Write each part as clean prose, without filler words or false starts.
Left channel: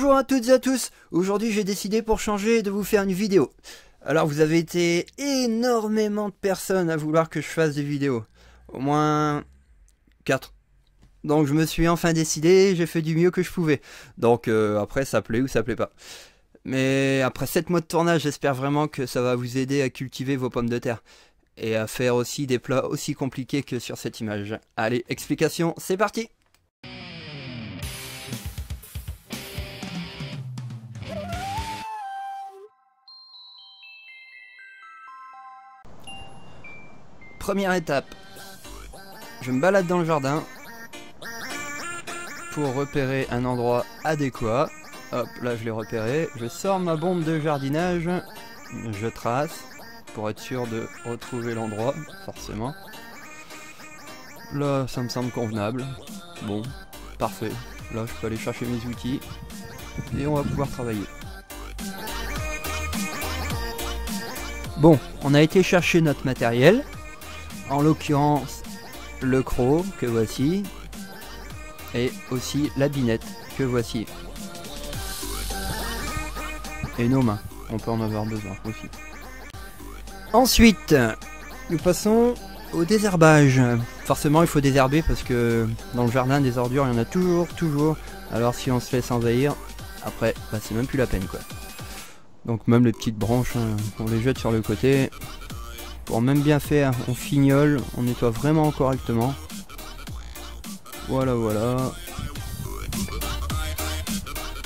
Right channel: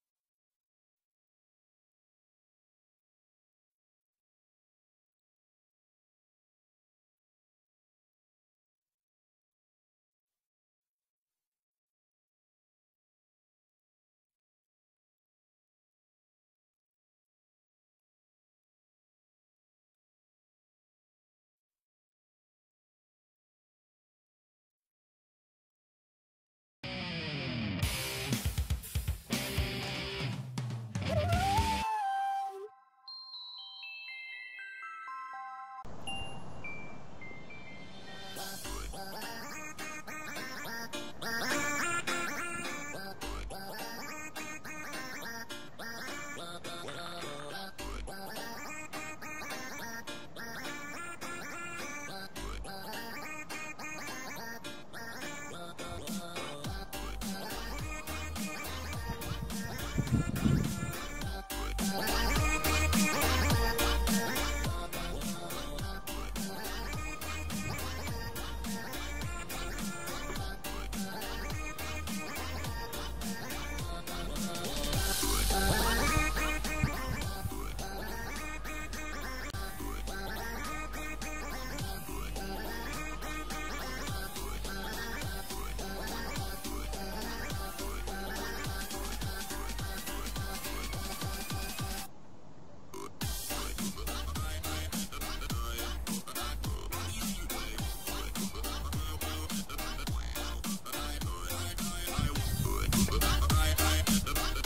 Bonjour à toutes et à tous. Aujourd'hui j'ai décidé pour changer de vous faire une vidéo. Alors vous avez été énormément de personnes à vouloir que je fasse des vidéos. Au moins 4. Donc je me suis enfin décidé, j'ai fait du mieux que je pouvais. Donc après ça plaît ou ça plaît pas. Mais après 7 mois de tournage, j'espère vraiment que ça va vous aider à cultiver vos pommes de terre. Et à faire aussi des plats aussi compliqués que sur cette image. Allez, explication, c'est parti! Première étape, je me balade dans le jardin pour repérer un endroit adéquat. Hop, là je l'ai repéré. Je sors ma bombe de jardinage, je trace pour être sûr de retrouver l'endroit, forcément. Là, ça me semble convenable. Bon, parfait. Là, je peux aller chercher mes outils et on va pouvoir travailler. Bon, on a été chercher notre matériel. En l'occurrence, le croc que voici, et aussi la binette que voici. Et nos mains, on peut en avoir besoin aussi. Ensuite, nous passons au désherbage. Forcément, il faut désherber parce que dans le jardin, des ordures, il y en a toujours. Alors si on se laisse envahir, après, bah, c'est même plus la peine, quoi. Donc même les petites branches, on les jette sur le côté. Pour même bien faire, on fignole, on nettoie vraiment correctement. Voilà.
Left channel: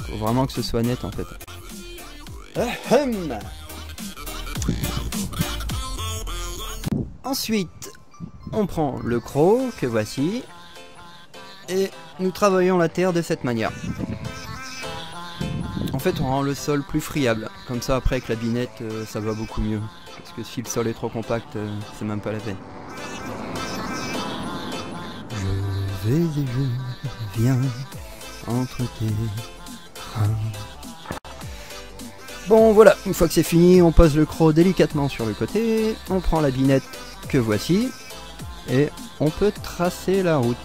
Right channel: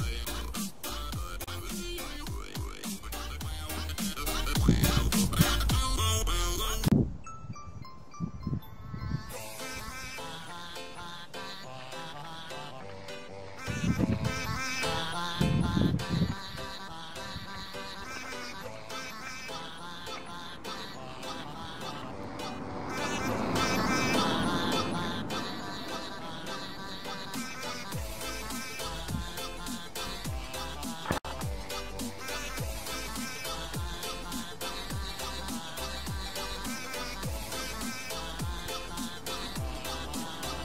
Faut vraiment que ce soit net en fait. Ensuite, on prend le croc que voici et nous travaillons la terre de cette manière. En fait, on rend le sol plus friable. Comme ça, après avec la binette, ça va beaucoup mieux. Parce que si le sol est trop compact, c'est même pas la peine. Je viens entre tes bras. Bon voilà, une fois que c'est fini, on pose le croc délicatement sur le côté, on prend la binette que voici, et on peut tracer la route.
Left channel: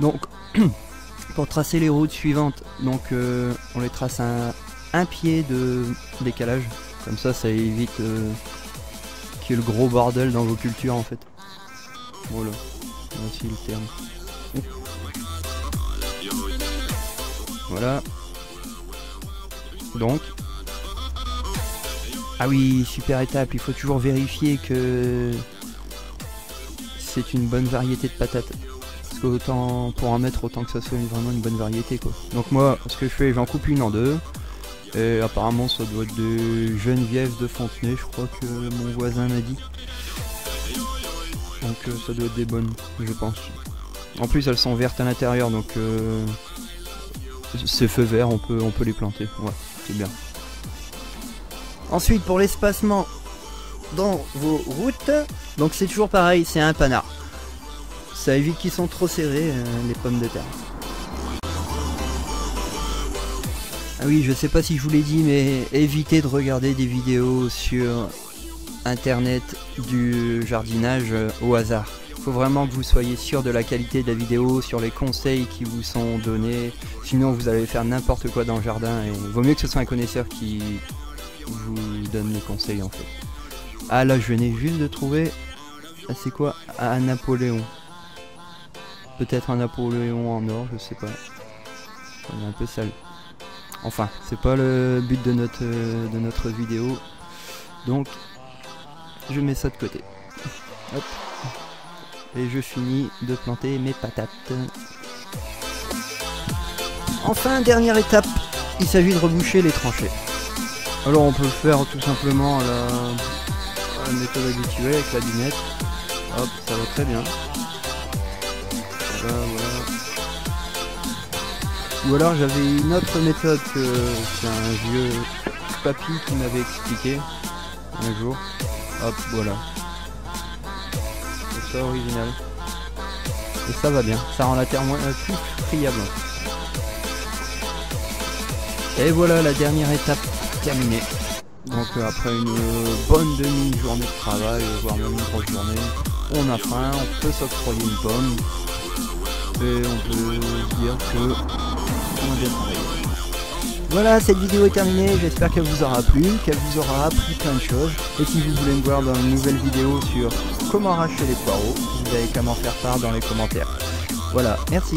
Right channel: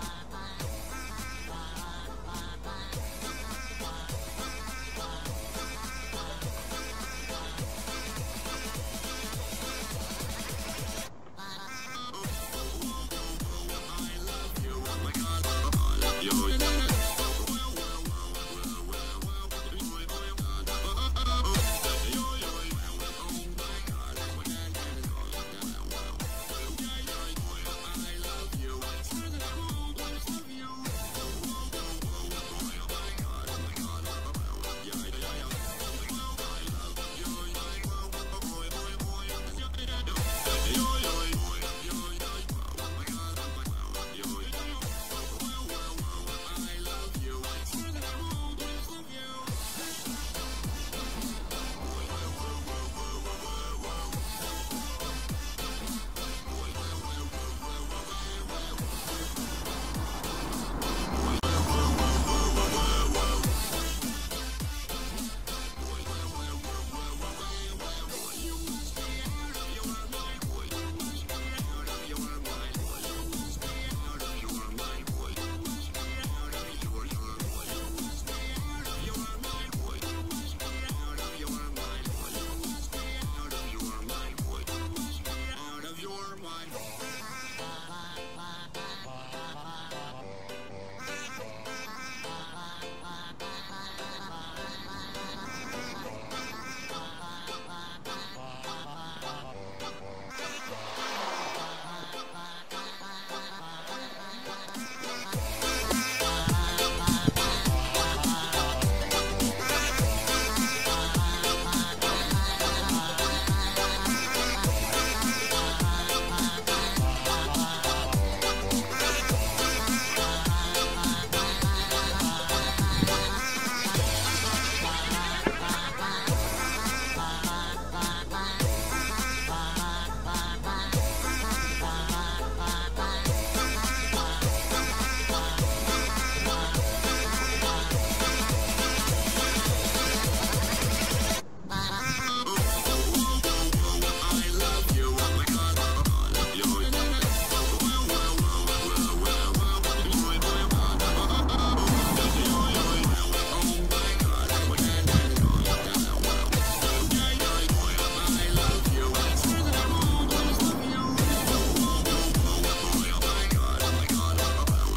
Donc, pour tracer les routes suivantes, donc on les trace à un pied de décalage, comme ça évite qu'il y ait le gros bordel dans vos cultures en fait. Voilà, ainsi le terme. Voilà. Donc, ah oui, super étape, il faut toujours vérifier que c'est une bonne variété de patates. Autant pour en mettre, autant que ça soit vraiment une bonne variété quoi. Donc moi, ce que je fais, j'en coupe une en deux. Et apparemment ça doit être des Geneviève de Fontenay, je crois que mon voisin m'a dit. Donc ça doit être des bonnes, je pense. En plus elles sont vertes à l'intérieur, donc ces feux verts, on peut les planter. Ouais, c'est bien. Ensuite pour l'espacement dans vos routes, donc c'est toujours pareil, c'est un panard. Ça évite qu'ils sont trop serrés, les pommes de terre. Ah oui, je sais pas si je vous l'ai dit, mais évitez de regarder des vidéos sur internet du jardinage au hasard. Il faut vraiment que vous soyez sûr de la qualité de la vidéo, sur les conseils qui vous sont donnés. Sinon vous allez faire n'importe quoi dans le jardin et il vaut mieux que ce soit un connaisseur qui vous donne les conseils en fait. Ah là je venais juste de trouver, c'est quoi? Un Napoléon. Peut-être un Napoléon en or, je sais pas. C'est un peu sale. Enfin, c'est pas le but de notre vidéo. Donc, je mets ça de côté. Hop. Et je finis de planter mes patates. Enfin, dernière étape, il s'agit de reboucher les tranchées. Alors on peut le faire tout simplement à la méthode habituelle avec la binette. Hop, ça va très bien. Ou alors j'avais une autre méthode que c'est un vieux papy qui m'avait expliqué un jour. Hop, voilà. C'est ça original. Et ça va bien, ça rend la terre moins friable. Et voilà la dernière étape terminée. Donc après une bonne demi-journée de travail, voire même une grosse journée, on a faim, on fait sauce pour une pomme. Et on peut dire que... Voilà, cette vidéo est terminée, j'espère qu'elle vous aura plu, qu'elle vous aura appris plein de choses. Et si vous voulez me voir dans une nouvelle vidéo sur comment arracher les poireaux, vous avez qu'à m'en faire part dans les commentaires. Voilà, merci.